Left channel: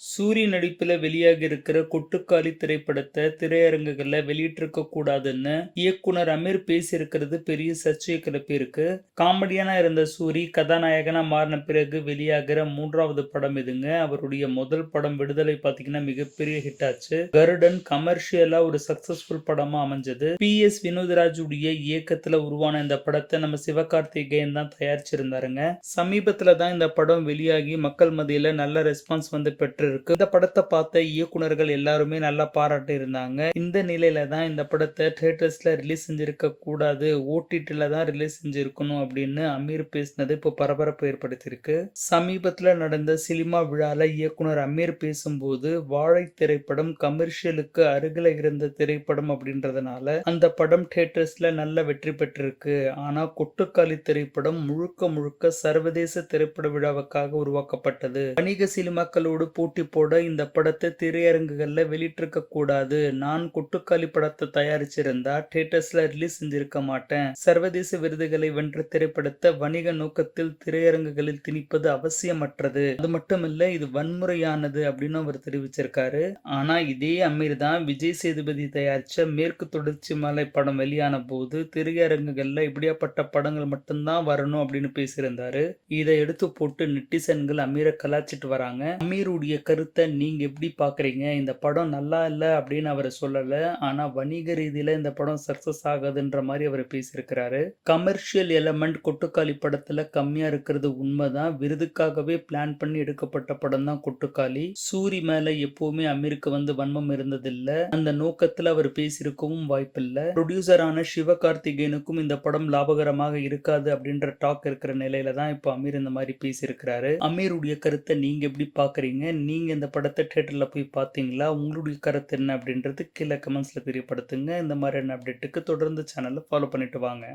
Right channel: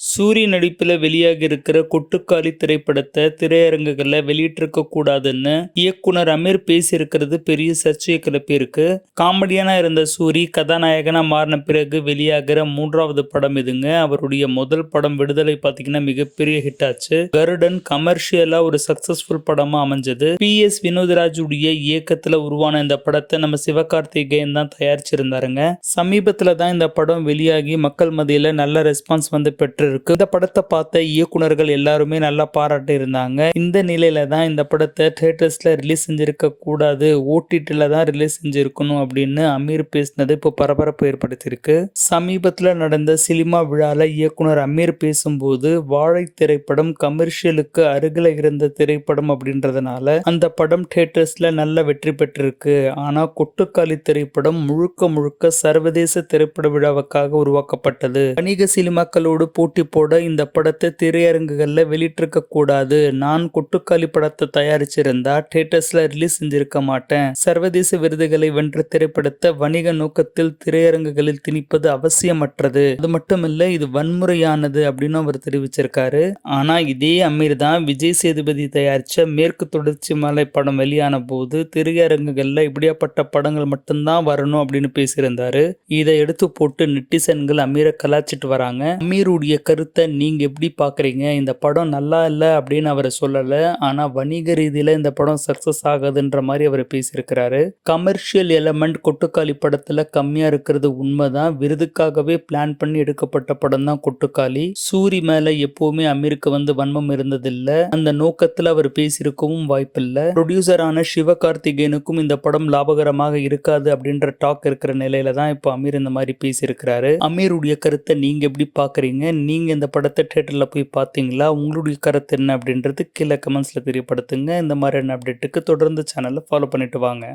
சூரிய நடிப்பில் வெளியாகி இருக்கிற கொட்டுக்காளி திரைப்படத்தை திரையரங்குகளில் வெளியிட்டிருக்க கூடாதுன்னு இயக்குனர் அமீர் பேசியிருக்கிறது பெரிய சர்ச்சையை கிளப்பியிருக்கு காமெடியனாக இருந்த சூரி கதாநாயகனாக மாறின பிறகு வெளியாகிற மூன்றாவது படம் இதுங்க. அவருடைய முதல் படம் விடுதலை பார்த்தீங்கன்னா மிகப்பெரிய ஹிட் ஆச்சு. கருடன் கமர்ஷியலாக ஒரு சக்சஸ்ஃபுல் படமாக அமைஞ்சது. பி. எஸ். வினோதராஜுடைய இயக்கத்தில் உருவான இந்த படத்தை நம்ம சிவகார்த்திகேயன் தான் தயாரிச்சிருந்தாருங்க. சமீபத்தில் தான் இந்த படம் வெளியாகி மக்கள் மத்தியில் நல்ல ரெஸ்பான்ஸ் வந்து பெற்று இருக்கு. இந்த படத்தை பார்த்த இயக்குனர்கள் எல்லாருமே நல்லா பாராட்டி இருந்தாங்க இந்த நிலையில தான் இந்த படத்தை தேட்டர்ஸ்ல ரிலீஸ் செஞ்சிருக்க கூடாது ஓடிடில தான் ரிலீஸ் செஞ்சிருக்கணும் அப்படின்னு அமீர் பேசினது இப்போ பரபரப்பு ஏற்படுத்தியிருக்கு. சமீபத்தில் நடந்த சினிமா விழால இயக்குனர் அமீர் பேசும்போது வாழை திரைப்படம் கமர்ஷியலுக்கு அருகில் இருந்த திரைப்படம் அப்படின்றதுனால அந்த படம் தியேட்டர்ஸ்ல நல்ல வெற்றி பெற்றிருக்கு. ஆனா கொட்டுக்காளி திரைப்படம் முழுக்க முழுக்க சர்வதேச திரைப்பட விழாவுக்காக உருவாக்கப்பட்டது. வணிக சினிமாக்களோடு போட்டி போட இந்த படத்தை திரையரங்குகளில் வெளியிட்டிருக்க கூடாது. நான் கொட்டுக்காளி படத்தை தயாரிச்சிருந்தா தியேட்டர்ஸ்ல ரிலீஸ் செஞ்சிருக்க மாட்டேன். சர்வதேச விருதுகளை வென்ற திரைப்படத்தை வணிக நோக்கத்தில் திரையரங்குகளில் திணிப்பது அவசியமற்றது. அது மட்டுமில்ல இது வன்முறையானது அப்படின்னு அவர் தெரிவிச்சிருக்காரு. ஆனா இதே அமீர் தான் விஜய் சேதுபதி தயாரிச்ச மேற்கு தொடர்ச்சி மலை படம் வெளியான போது திரையரங்குகள்ல இப்படியாப்பட்ட படங்கள் மட்டும்தான் வரணும் அப்படின்னு பேசியிருந்தாரு. இதை எடுத்து போட்டு நெட்டிசன்கள் அமீரை கலாச்சிட்டு வராங்க. அமீருடைய கருத்தை நீங்கள் எப்படி பார்க்குறீங்க இந்த படம் நல்லா இல்லை அப்படின்னு அவர் சொல்லலை. ஆனால் வணிக ரீதியில் இந்த படம் சக்ஸஸ் ஆகுதுன்ற மாதிரி அவர் பேசியிருக்கிறாரு. கமர்ஷியல் எலமெண்ட் கொட்டுக்காளி படத்தில் கம்மியாக இருக்கிறது உண்மைதான். விருதுக்காகவே பிளான் பண்ணி எடுக்கப்பட்ட படம் தான் கொட்டுக்காளி. சூரி மேலே எப்போவுமே அமீருக்கு வந்து வன்மம் இருந்ததில்லை. அந்த நோக்கத்தில் அவர் பேசியிருக்கவும் வாய்ப்பில்லை. ப்ரொடியூசரான சிவகார்த்திகேயனுக்கும் இந்த படம் லாபகரமாக இருக்காது அப்படின்ற டாக் இருக்கிற நிலையில தான் இப்போ அமீர் இந்த மாதிரி பேசியிருக்கிறாரு. அமீருடைய கருத்தை நீங்கள் எப்படி பார்க்குறீங்க நீ நீங்கள் இந்த படத்தை தேட்டரில் போய் பார்த்தீங்களா? உங்களுடைய கருத்து என்ன அப்படின்றது கீழே கமெண்ட்ஸில் தெரியப்படுத்துங்க. இந்த மாதிரியான அப்டேட்டுக்கு தொடர்ந்து சேனலை ஃபாலோ பண்ணிவிட்டு வாங்க.